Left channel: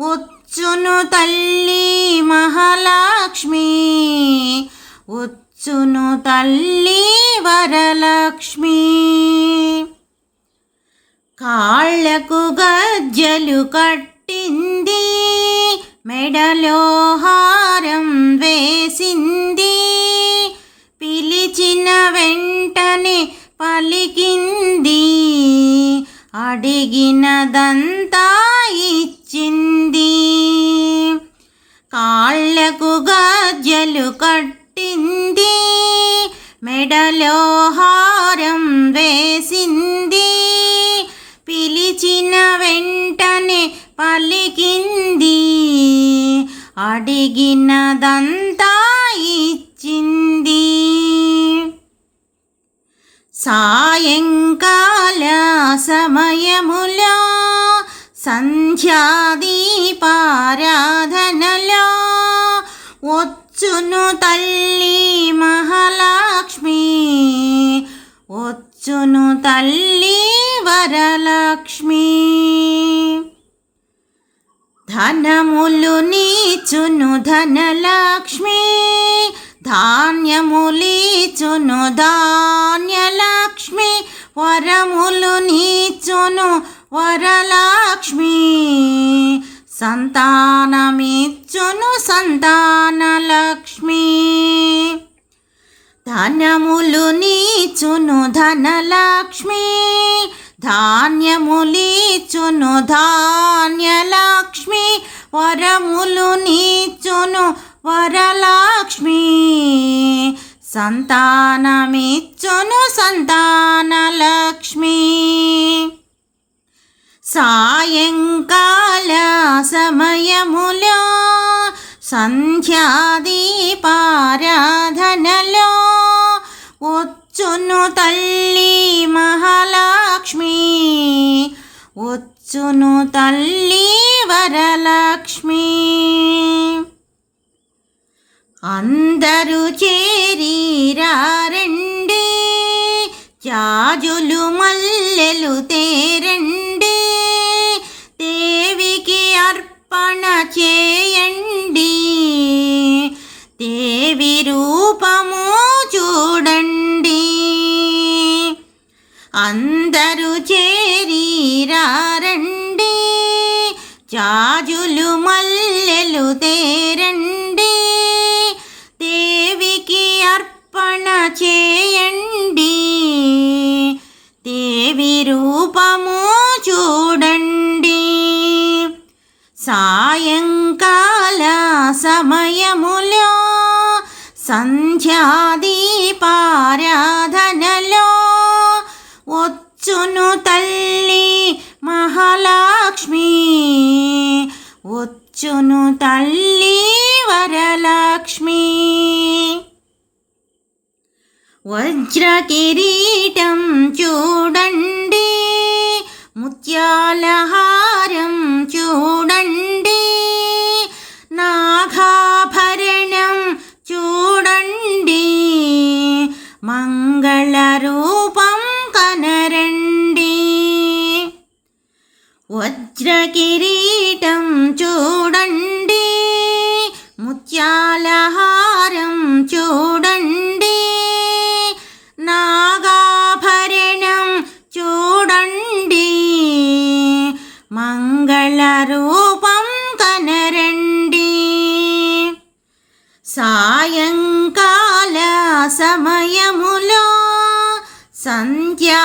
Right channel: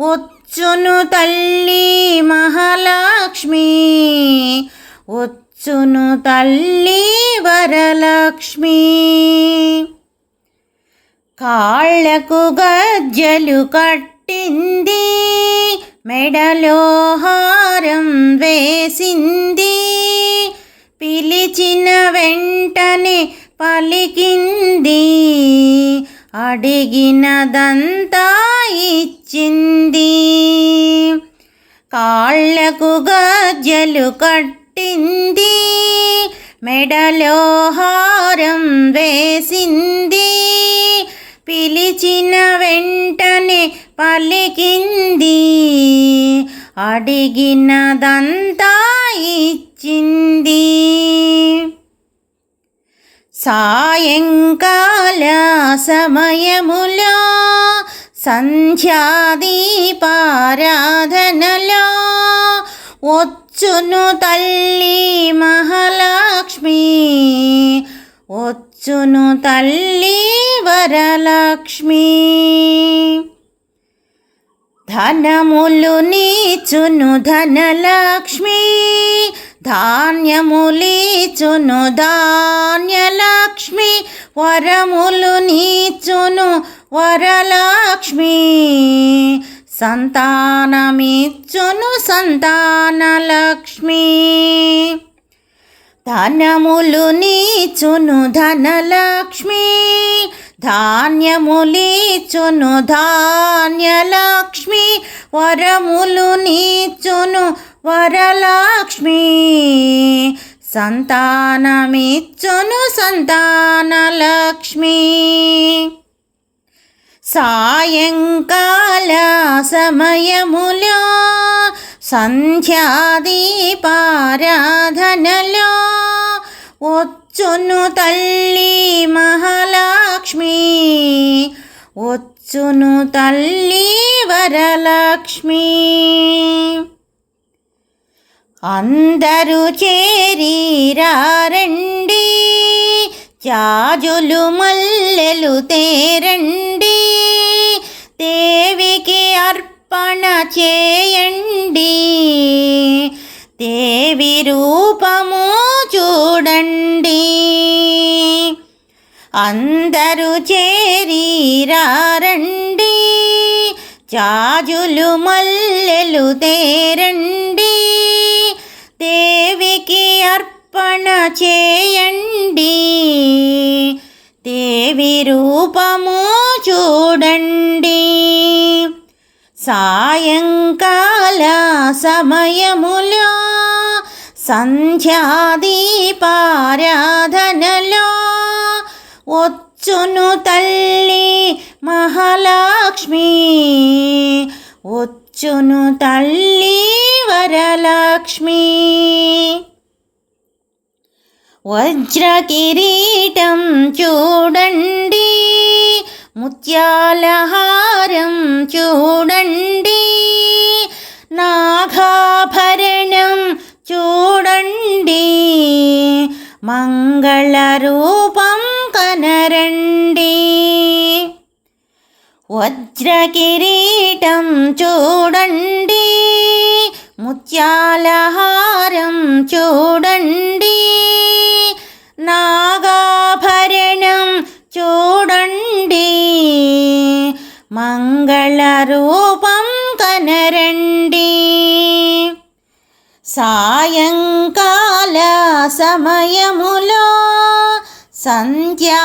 వచ్చును తల్లి మహాలక్ష్మి. వచ్చును తల్లి వరలక్ష్మి. కాళ్ళకు గజ్జలు కట్టింది మెడలో హారం వేసింది. పిలిచిన వెంటనే పలికింది అడిగినదంతా ఇచ్చింది కాళ్ళకు గజ్జలు కట్టింది. మెడలో హారం వేసింది. పిలిచిన వెంటనే పలికింది. అడిగినదంతా ఇచ్చింది. సాయంకాల సమయములో సంధ్యాదీపారాధనలో వచ్చును తల్లి మహాలక్ష్మి. వచ్చును తల్లి వరలక్ష్మి. ధనములు నీచును ధనలక్ష్మి. ధాన్యములీచును ధాన్యలక్ష్మి. వరములు నీచును వరలక్ష్మి సంతానమిచ్చును సంతానలక్ష్మి. ధనములు నీచును ధనలక్ష్మి. ధాన్యములీచును ధాన్యలక్ష్మి. వరములు నీచును వరలక్ష్మి. సంతానమిచ్చును సంతానలక్ష్మి. సాయంకాల సమయములో సంధ్యాదీపారాధనలో వచ్చును తల్లి మహాలక్ష్మి వచ్చును తల్లి వరలక్ష్మి. అందరూ చేరీరారండి జాజులు మల్లెలు తేరండి. చూడండి. అందరూ చేరీరారండి. జాజులు మల్లెలు తేరండి. దేవికి అర్పణ చేయండి. దేవి రూపము చూడండి. సాయంకాల సమయములో సంధ్యాదీపారాధనలో వచ్చును తల్లి మహాలక్ష్మి. వచ్చును తల్లి వరలక్ష్మి. వజ్ర కిరీటం చూడండి ముత్యాలహారం చూడండి వజ్ర కిరీటం చూడండి ముత్యాల హారం చూడండి నాగాభరణం చూడండి మంగళ రూపం కనరండి. సాయంకాల సమయములో సంధ్యాదీపారాధన